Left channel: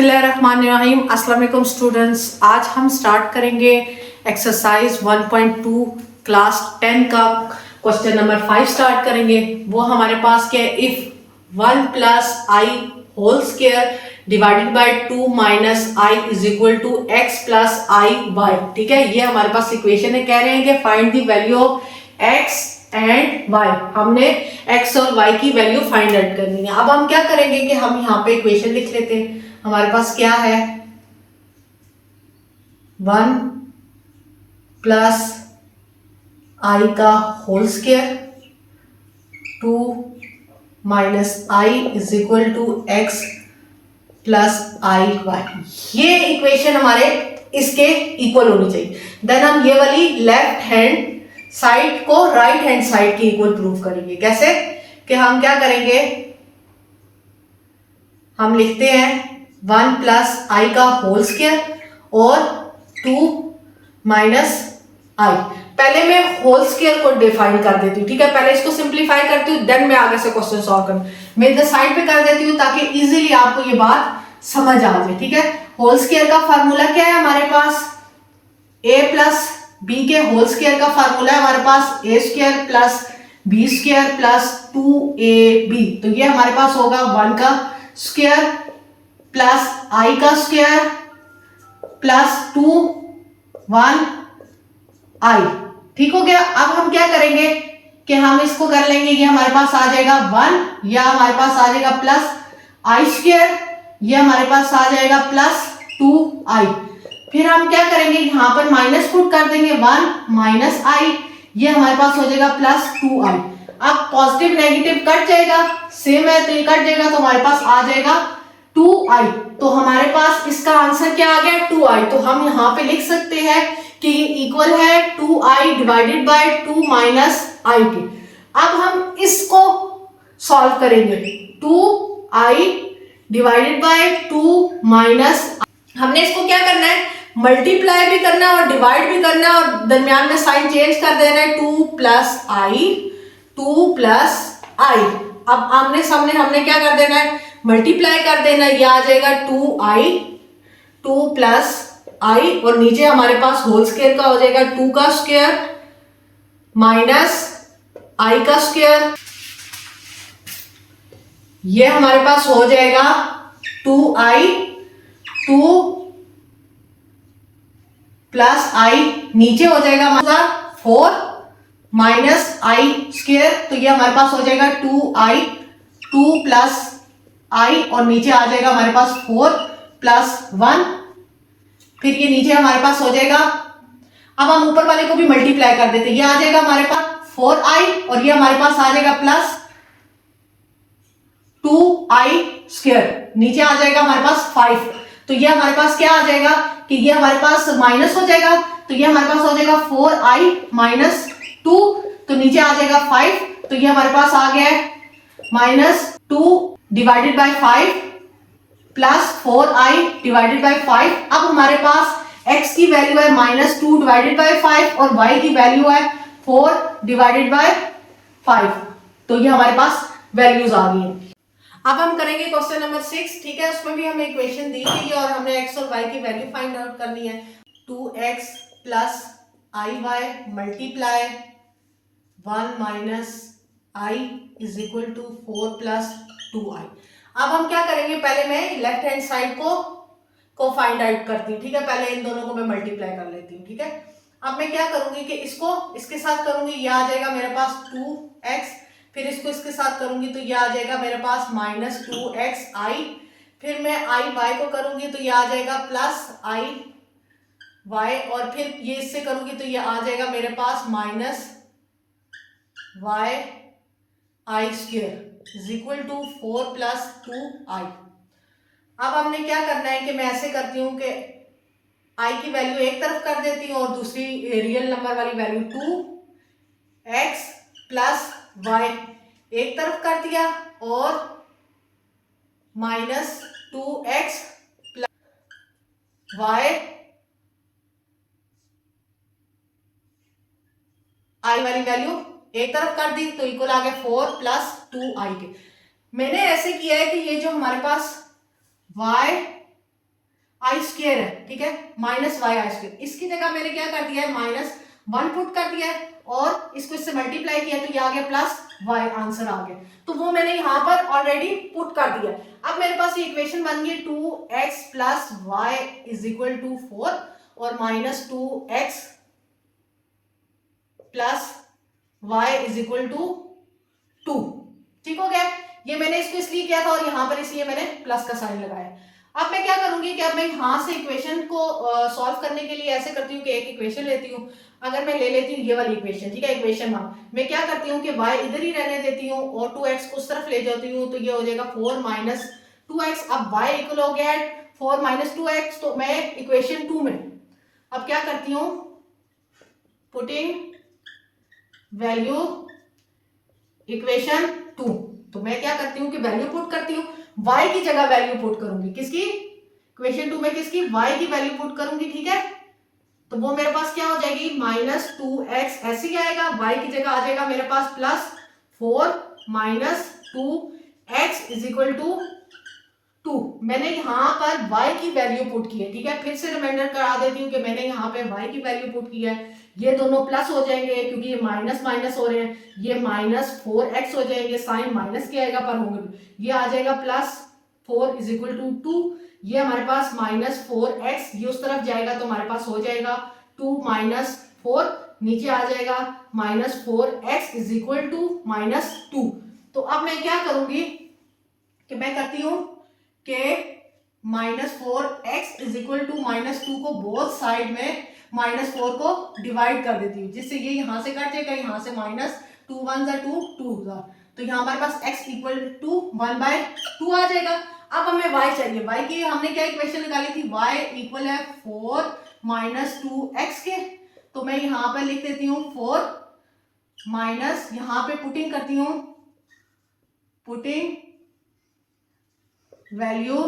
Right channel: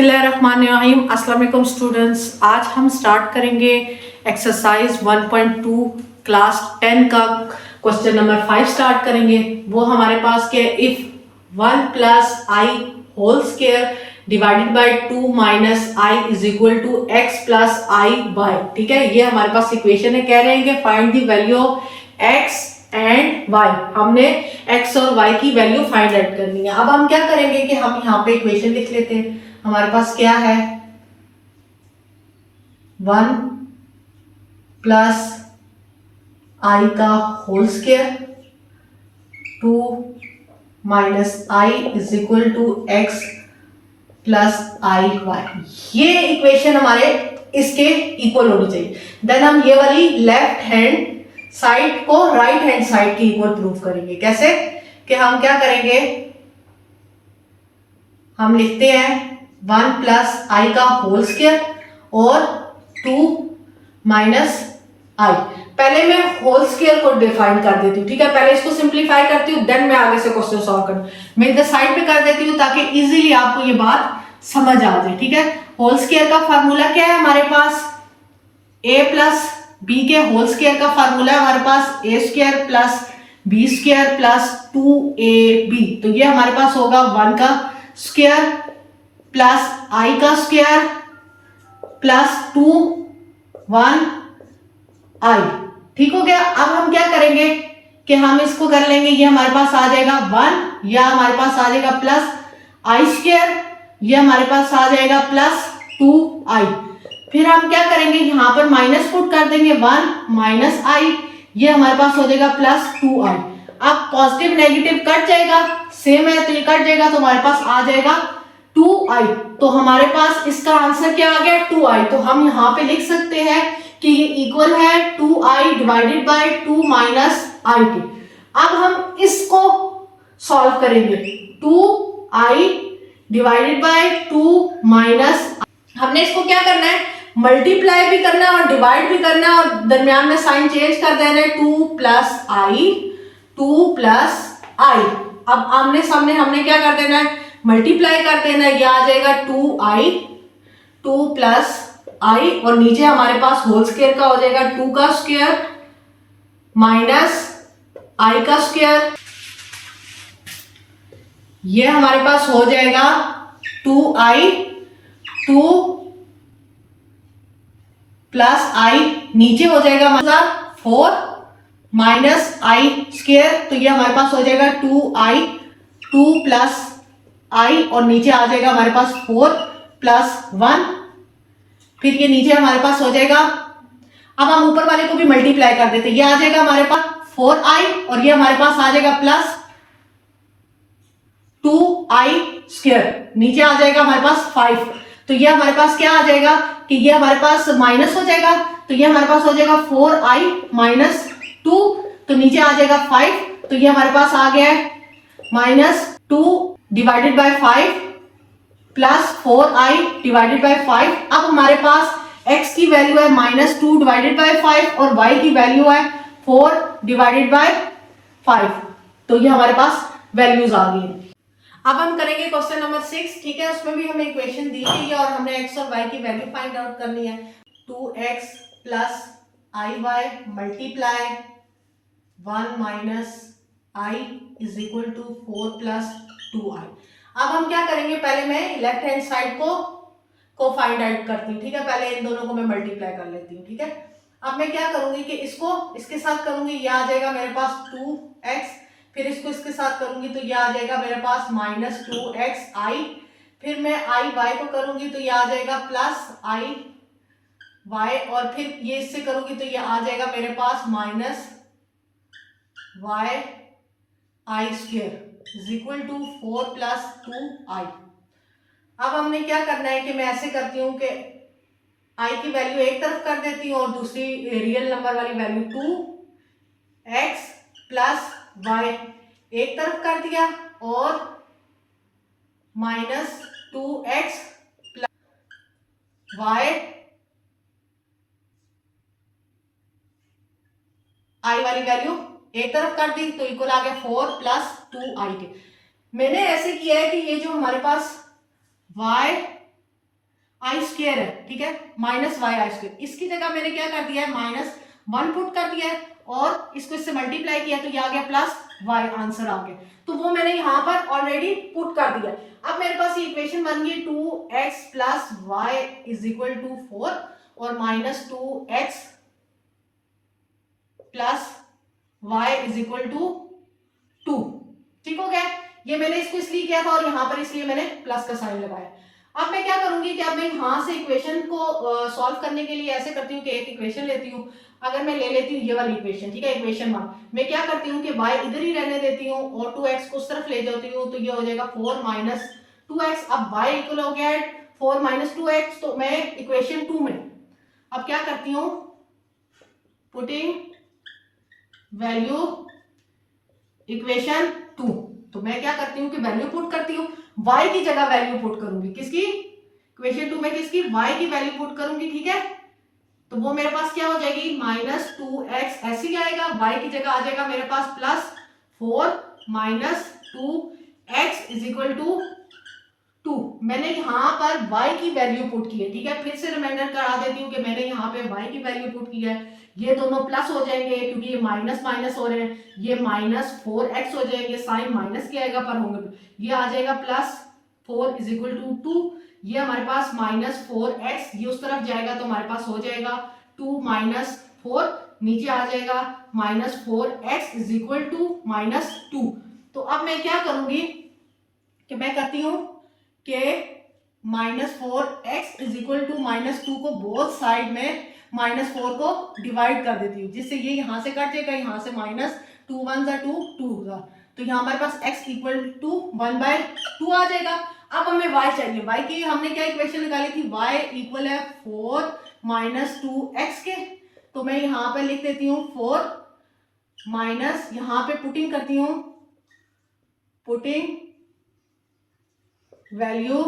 बिस्मिल्लाहिर्रहमानिर्रहीम। अस्सलाम वालेकुम स्टूडेंट्स, आज हम स्टार्ट करेंगे एक्सरसाइज 1.2 क्लास 10 का क्वेश्चन नंबर 5 स्टार्ट करेंगे। वो हमारे पास क्या है, if 1 plus i whole square divided by 2 minus i is equal to x plus i y. ठीक है, ये हमारे पास इक्वेशन है। कह रहे हैं कि find the value of x and y. हमने एक्स और वाई की वैल्यू फाइंड आउट करनी है। अब हम क्या करेंगे कि हम यहाँ पे इक्वेशन लिख लेते हैं। हमारे पास क्या है, 1 प्लस आई का whole square 2 minus i is equal to x plus i y. ये इक्वेशन हमारे इसके इक्वल होनी चाहिए। देन हम ये वाली लेफ्ट हैंड साइड को राइट हैंड साइड की इक्वल प्रूव करेंगे। कैसे कि हम क्या करेंगे, हम लिखते हैं 1 प्लस आई का होल स्क्वायर और 2 माइनस आई। पहले मैं होल स्क्वायर को डिफाइन कर देती हूँ। ठीक है, पहले इसको सिंप्लीफाई करती हूँ, देन मैं आगे से क्वेश्चन सॉल्व करूँ। मैं इधर साइड पे कर देती हूँ ताकि इजीली आपको ये बात समझ आ जाए। ठीक है, होल स्क्वायर का फार्मूला क्या है हमारे पास, a प्लस बी के होल स्क्वायर का फार्मूला है हमारे पास a square plus b square plus 2ab। तो ये हमारे पास होगा 1 का स्क्वायर प्लस आई का स्क्वायर प्लस 2 1 आई। ठीक हो गया। अब हम क्या करेंगे कि हम इसको कर लेंगे, ये हमारे पास आ जाएगा 1 या हमारे पास आ जाएगा प्लस आई स्क्वायर, ये हमारे पास आ जाएगा प्लस 2 आई। फिर हम क्या करेंगे, यहां पर माइनस पुट कर देंगे 1 माइनस आई, ये हमारे पास हो जाएगा प्लस 2 आई। अब पॉजिटिव नेगेटिव कट जाएगा, सेम है तो ये कट जाएगा, तो हमारे पास आ जाएगा 2 आई। तो हमारे पास इसका आंसर क्या आ गया, 2 आई। तो हम यहाँ पे लिख सकते हैं कि ये इक्वल है 2 आई डिवाइडेड बाय 2 माइनस आई के। अब हम इसको सॉल्व करेंगे, 2 आई डिवाइडेड बाय 2 माइनस। हमने इसको क्या करना है, मल्टीप्लाई भी करना है और डिवाइड भी करना है, और दरमियान में साइन चेंज कर देना है, 2 प्लस आई 2 प्लस आई। अब आमने सामने हमने क्या कर देना है, मल्टीप्लाई कर देना है, ये आ जाएगा 2 आई 2 प्लस आई, और नीचे हमारे पास होल स्क्वायर का हो जाएगा 2 का स्क्वायर माइनस आई का स्क्वायर। ये हमारे पास हो जाएगा 2 आई 2 प्लस आई, नीचे हो जाएगा हमारा 4 माइनस आई स्क्वायर। तो ये हमारे पास हो जाएगा 2 आई 2 प्लस आई, और नीचे आ जाएगा हमारे पास 4 प्लस 1। फिर ये नीचे हमारे पास हो जाएगा, अब हम ऊपर वाले को भी मल्टीप्लाई कर देते हैं, ये आ जाएगा हमारे पास 4 आई, और ये हमारे पास आ जाएगा प्लस 2 आई स्क्वायर, नीचे आ जाएगा हमारे पास 5। तो ये हमारे पास क्या आ जाएगा कि ये हमारे पास माइनस हो जाएगा, तो ये हमारे पास हो जाएगा 4 आई माइनस 2, तो नीचे आ जाएगा 5। तो ये हमारे पास आ गया है minus 2 divided by 5 plus 4 I divided by 5। अब हमारे पास x की वैल्यू है माइनस 2 डिवाइडेड बाय 5 और y की वैल्यू है 4 डिवाइडेड बाय 5। तो ये हमारे पास वैल्यूज आ गई है। अब हम करेंगे क्वेश्चन नंबर 6। ठीक है, उसमें भी हमें इक्वेशन दी गई है और हमने x और y की वैल्यू फाइंड आउट करनी है। 2x plus i y multiply 1 minus i is equal to 4 plus 2 i. अब हम क्या करेंगे, पहले मैं लेफ्ट हैंड साइड को फाइंड आउट करती हूँ। ठीक है, पहले इन दोनों को मैं मल्टीप्लाई कर लेती हूँ। ठीक है, अब मैं क्या करूंगी कि इसको इसके साथ करूंगी, ये आ जाएगा मेरे पास 2x, फिर इसको इसके साथ करूंगी तो ये आ जाएगा मेरे पास माइनस 2x आई, फिर मैं आई वाई को करूंगी तो ये आ जाएगा प्लस आई वाई, और फिर ये इससे करूंगी तो ये आ जाएगा मेरे पास minus y i square is equal to 4 plus 2 i. अब हमने क्या करना है कि मैं ऐसे करती हूँ कि आई की वैल्यू एक तरफ कर देती हूँ और दूसरी रियल नंबर वाली वैल्यू 2x प्लस वाई एक तरफ कर दिया, और माइनस 2x प्लस वाई आई वाली वैल्यू एक तरफ कर दी, तो इक्वल आ गया 4 प्लस 2 आई के। मैंने ऐसे किया है कि ये जो हमारे पास y आई स्क्वायर है, ठीक है, माइनस वाई आई स्क्वायर, इसकी जगह मैंने क्या कर दिया है -1 पुट कर दिया है और इसको इससे मल्टीप्लाई किया तो ये आ गया प्लस वाई, आंसर आ गया। तो वो मैंने यहाँ पर ऑलरेडी पुट कर दिया। अब मेरे पास ये इक्वेशन बन गई 2x plus y is equal to 4 और -2x plus y is equal to 2। ठीक हो गया, ये मैंने इसको इसलिए किया था और यहाँ पर इसलिए मैंने प्लस का साइन लगाया। अब मैं क्या करूंगी कि अब मैं यहाँ से इक्वेशन को सॉल्व करने के लिए ऐसे करती हूँ कि एक इक्वेशन लेती हूँ। अगर मैं ले लेती हूँ ये वाली इक्वेशन, ठीक है, इक्वेशन 1, मैं क्या करती हूँ कि y इधर ही रहने देती हूँ और 2x को उस तरफ ले जाती हूँ, तो ये हो जाएगा 4 माइनस 2x। अब y इक्वल हो गया 4 माइनस 2x, तो मैं इक्वेशन 2 में अब क्या करती हूँ, पुटिंग वैल्यू इक्वेशन 2, तो मैं क्या करती हूँ कि वैल्यू पुट करती हूँ, y की जगह वैल्यू पुट करूंगी, किसकी, इक्वेशन 2 में किसकी, y की वैल्यू पुट करूंगी, ठीक है। तो वो मेरे पास क्या हो जाएगी -2x, ऐसे ही आएगा, y की जगह आ जाएगा मेरे पास +4 minus 2x is equal to 2। मैंने यहाँ पर y की वैल्यू पुट की है, ठीक है, फिर से रिमाइंडर करा देती हूँ कि मैंने यहाँ पे y की वैल्यू पुट की है। ये दोनों प्लस हो जाएंगे क्योंकि ये माइनस माइनस हो रहे हैं, ये -4x हो जाएंगे, साइन माइनस के आएगा पर होंगे, ये आ जाएगा +4 इज इक्वल टू 2। ये हमारे पास -4x, ये उस तरफ जाएगा तो हमारे पास हो जाएगा 2 माइनस 4, नीचे आ जाएगा -4x इज इक्वल टू -2। तो अब मैं क्या करूंगी कि मैं करती हूं कि -4x इज इक्वल टू -2 को बोथ साइड में -4 को डिवाइड कर देती हूँ, जिससे ये यहां से कट जाएगा, यहां से -2 1 जा 2 2 जा, तो यहाँ हमारे पास x इक्वल टू 1/2 आ जाएगा। अब हमें y चाहिए, y की हमने क्या इक्वेशन निकाली थी, y इक्वल है 4 माइनस 2x के, तो मैं यहाँ पे लिख देती हूँ 4 माइनस, यहाँ पे पुटिंग करती हूँ, पुटिंग वैल्यू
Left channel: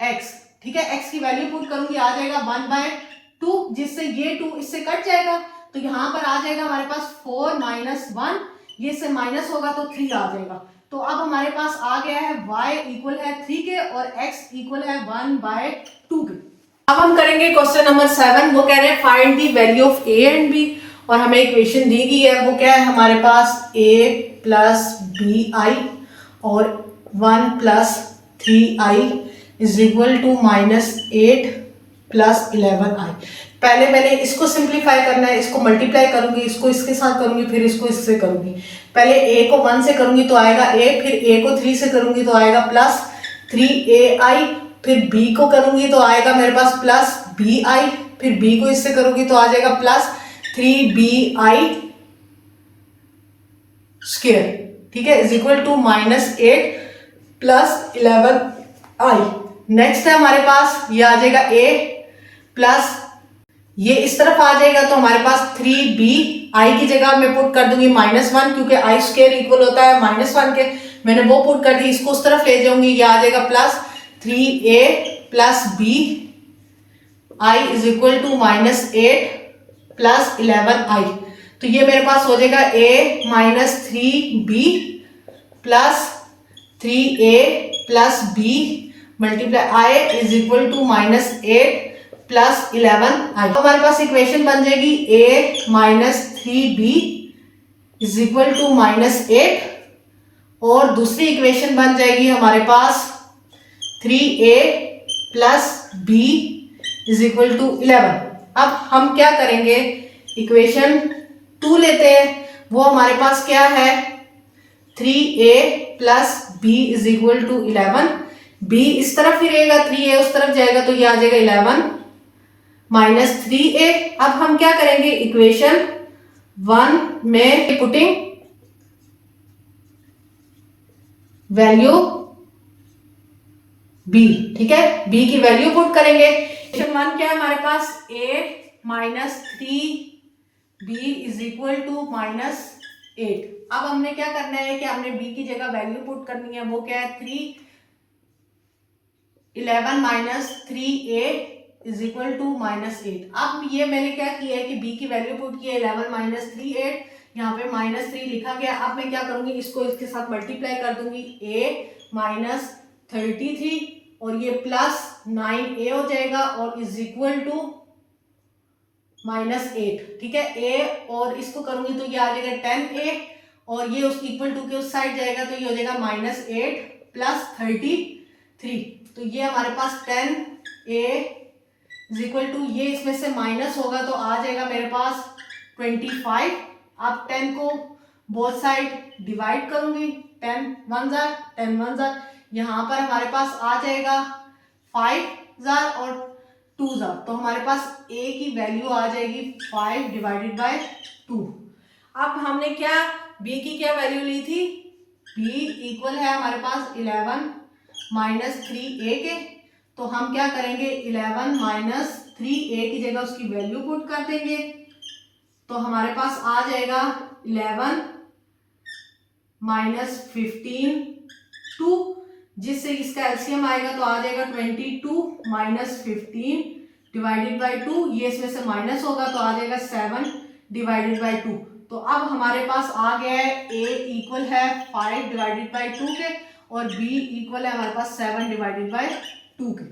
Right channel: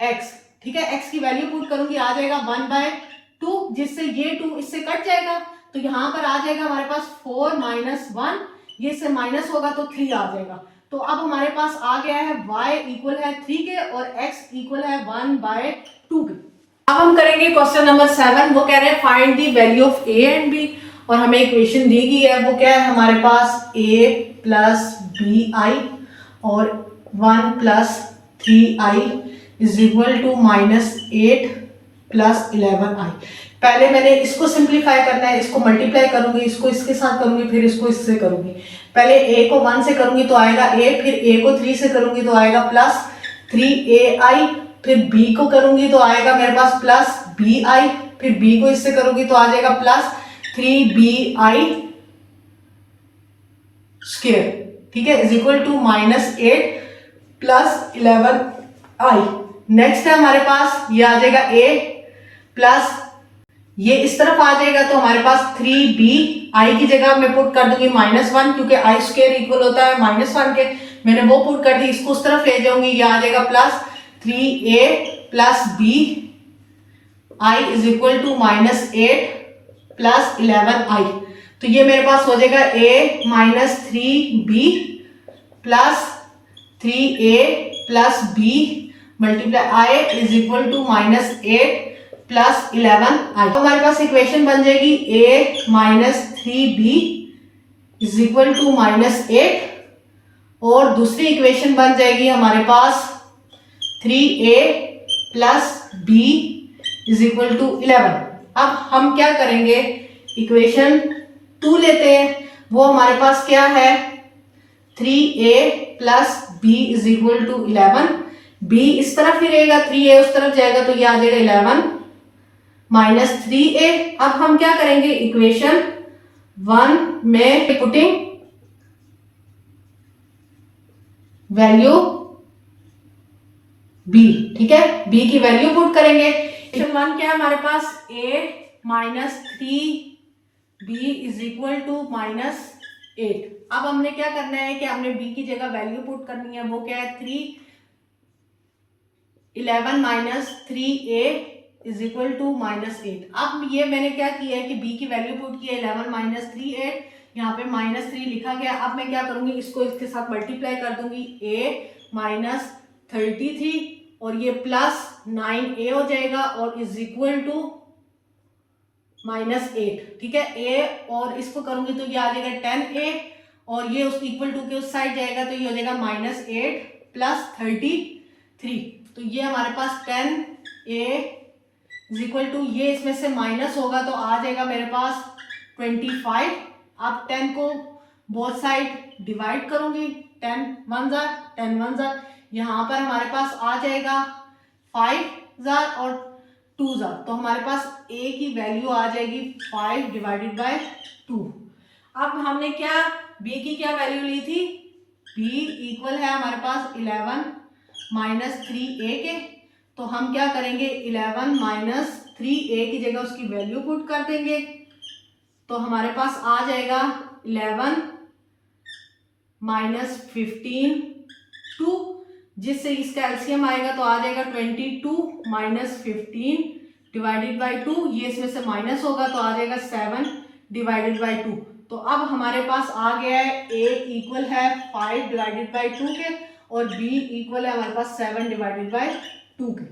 x, ठीक है, x की वैल्यू पुट करूंगी, आ जाएगा 1/2, जिससे ये 2 इससे कट जाएगा, तो यहाँ पर आ जाएगा हमारे पास 4 माइनस 1, ये से माइनस होगा तो 3 आ जाएगा। तो अब हमारे पास आ गया है y इक्वल है 3 के और x इक्वल है 1/2 के। अब हम करेंगे क्वेश्चन नंबर 7, वो कह रहे हैं find the value of a and b, और हमें इक्वेशन दी गई है, वो क्या है हमारे पास a प्लस बी आई और 1 plus 3i is equal to -8 plus 11i। पहले मैंने इसको सिंप्लीफाई करना है, इसको मल्टीप्लाई करूंगी, इसको इसके साथ करूंगी, फिर इसको इससे करूंगी। पहले a को 1 से करूंगी तो आएगा a, फिर a को 3 से करूंगी तो आएगा +3ai, फिर b को करूंगी तो आएगा मेरे पास +bi, फिर b को इससे करूंगी तो आ जाएगा +3bi स्क्वायर, ठीक है, is equal to -8 plus 11i। Next है हमारे पास ये आ जाएगा a प्लस, ये इस तरफ आ जाएगा तो हमारे पास 3b, i की जगह मैं पुट कर दूंगी -1 क्योंकि i स्क्वायर इक्वल होता है -1 के, मैंने वो पुट कर दी, इसको उस तरफ ले जाऊंगी, ये आ जाएगा +3a plus b i is equal to -8 plus 11i। तो ये मेरे पास हो जाएगा a minus 3b plus 3a plus b multiply i is equal to -8 plus 11i। हमारे पास इक्वेशन बन जाएगी a minus 3b is equal to -8, और दूसरी इक्वेशन बन जाएगी हमारे पास 3a plus b is equal to 11। अब हम क्या करेंगे, इक्वेशन 2 लेते हैं, वो हमारे पास क्या है 3a plus b is equal to 11, b इस तरफ ही रहेगा, 3a उस तरफ जाएगा तो ये आ जाएगा 11 माइनस 3a। अब हम क्या करेंगे, इक्वेशन 1 में पुटिंग वैल्यू b, ठीक है, b की वैल्यू पुट करेंगे। इक्वेशन 1 क्या है हमारे पास, a minus 3b is equal to -8। अब हमने क्या करना है कि हमने b की जगह वैल्यू पुट करनी है, वो क्या है 11 minus 3a is equal to -8। अब ये मैंने क्या किया है कि b की वैल्यू पुट की है 11 माइनस 3a, यहाँ पे -3 लिखा गया। अब मैं क्या करूंगी, इसको इसके साथ मल्टीप्लाई कर दूंगी, a माइनस 33 और ये प्लस 9a हो जाएगा और इज इक्वल टू -8, ठीक है। a और इसको करूंगी तो ये आ जाएगा 10a और ये उस इक्वल टू के उस साइड जाएगा तो ये हो जाएगा -8 प्लस 33। तो ये हमारे पास 10a इज इक्वल टू, ये इसमें से माइनस होगा तो आ जाएगा मेरे पास 25। अब 10 को बोथ साइड डिवाइड करूंगी, 10 1 जार 10 1 जार, यहाँ पर हमारे पास आ जाएगा 5 जार और 2 जार, तो हमारे पास a की वैल्यू आ जाएगी 5 डिवाइडेड बाय 2। अब हमने क्या b की क्या वैल्यू ली थी, b इक्वल है हमारे पास 11 माइनस 3a के, तो हम क्या करेंगे 11 माइनस 3a की जगह उसकी वैल्यू पुट कर देंगे, तो हमारे पास आ जाएगा 11 माइनस 15 2, जिससे इसका एलसीएम आएगा तो आ जाएगा 22 माइनस 15 डिवाइडेड बाई 2, ये इसमें से माइनस होगा तो आ जाएगा 7 डिवाइडेड बाई 2। तो अब हमारे पास आ गया है a इक्वल है 5 डिवाइडेड बाई 2 के और b इक्वल है हमारे पास 7 डिवाइडेड बाई 2 के।